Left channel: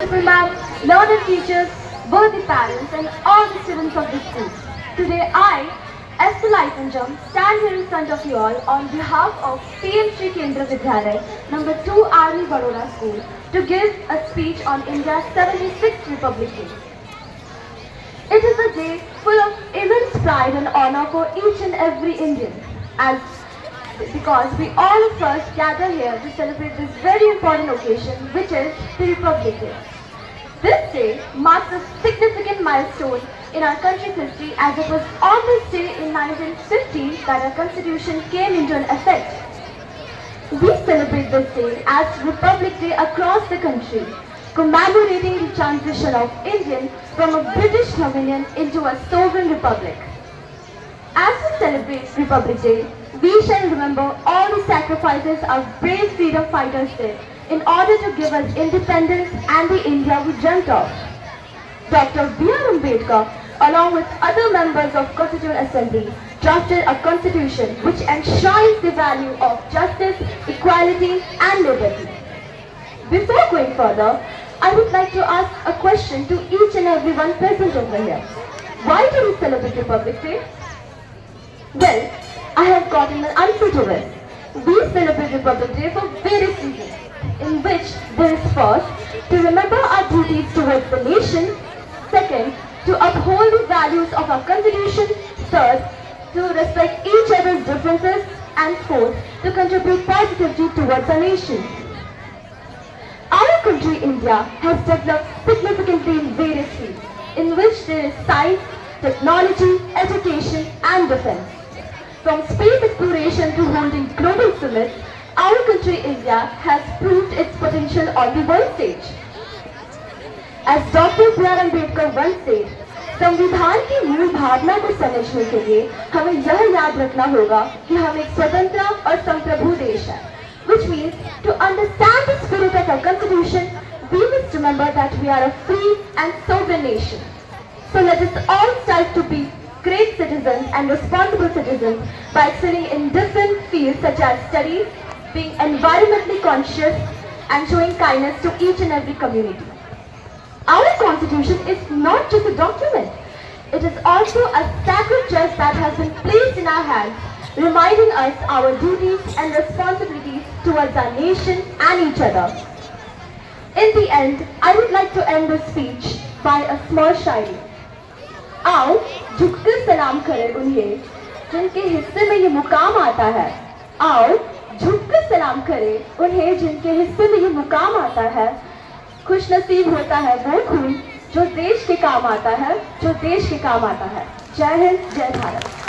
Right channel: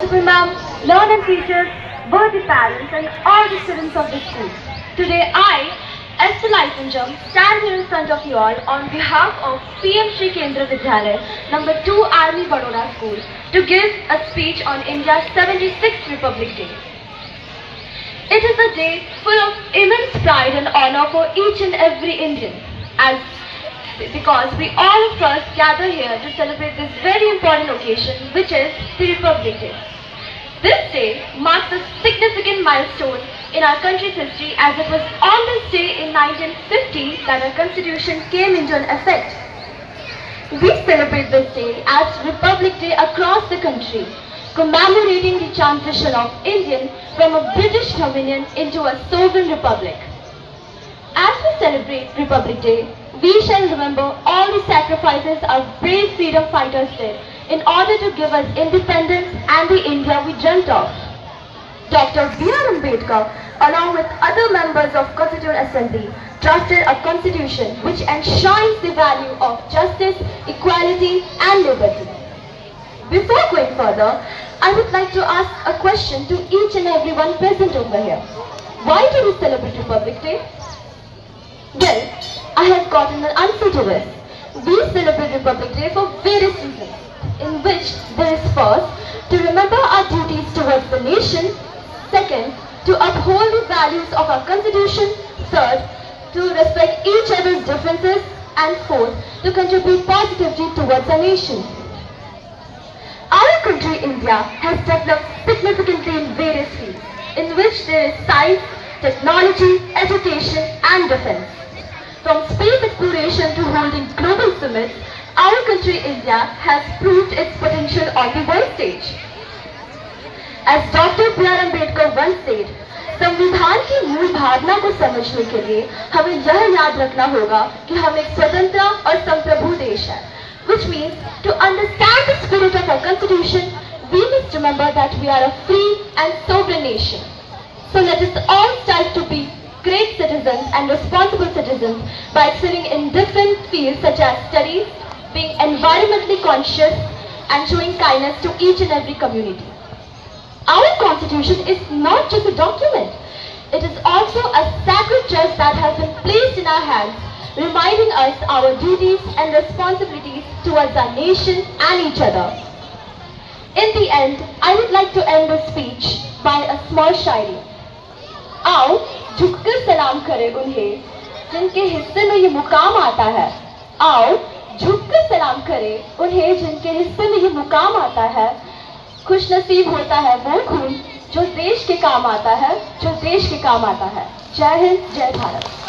Ma'am, learners, teachers, worthy parents, and all the students of the school. Today, I, Esther Laipunjam, stand here in front of you all on behalf of PM Shri Kendra Vidyalaya, number 2 Army Baroda School, to give a speech on India's 76th Republic Day. It is a day full of immense pride and honor for each and every Indian, because we all of us gather here to celebrate this very important occasion, which is the Republic Day. This day marks a significant milestone in our country's history, as it was on this day in 1950 that our constitution came into effect. We celebrate this day as Republic Day across the country, commemorating the transition of India from a British dominion into a sovereign republic. As we celebrate Republic Day, we shall remember all the sacrifices our brave freedom fighters did in order to give us independence and the India we dreamt of. Dr. B.R. Ambedkar, along with other members of Constituent Assembly, drafted a constitution which enshrines the value of justice, equality and liberty. Before going further, I would like to ask a question to each and everyone present over here. Why do we celebrate Republic Day? Well, I have gotten an answer to this. We celebrate Republic Day for various reasons, in which there is first, to remember our duties towards the nation; second, to uphold the values of our constitution; third, to respect each other's differences; and fourth, to contribute positively towards our nation. Our country, India, has developed significantly in various fields, in which there is science, technology, education and defense. From space exploration to holding global summits, our country, India, has proved its potential on the world stage. As Dr. B.R. Ambedkar once said, संविधान की मूल भावना को समझने के लिए हमें यह याद रखना होगा कि हम एक स्वतंत्र और संप्रभु देश है. Which means, to understand the spirit of our constitution, we must remember that we are a free and sovereign nation. So let us all strive to be great citizens and responsible citizens by excelling in different fields such as studies, being environmentally conscious, and showing kindness to each and every community. Our constitution is not just a document. It is also a sacred trust that has been placed in our hands, reminding us our duties and responsibilities towards our nation and each other. In the end, I would like to end this speech by a small shairi. आओ झुककर सलाम करें उन्हें जिनके हिस्से में ये मुकाम आता है. आओ झुककर सलाम करें उन्हें जिनके हिस्से में ये मुकाम आता है. खुशनसीब होता है वह खून जो देश के काम आता है, जो देश के काम आता है. जय हिंद, जय भारत.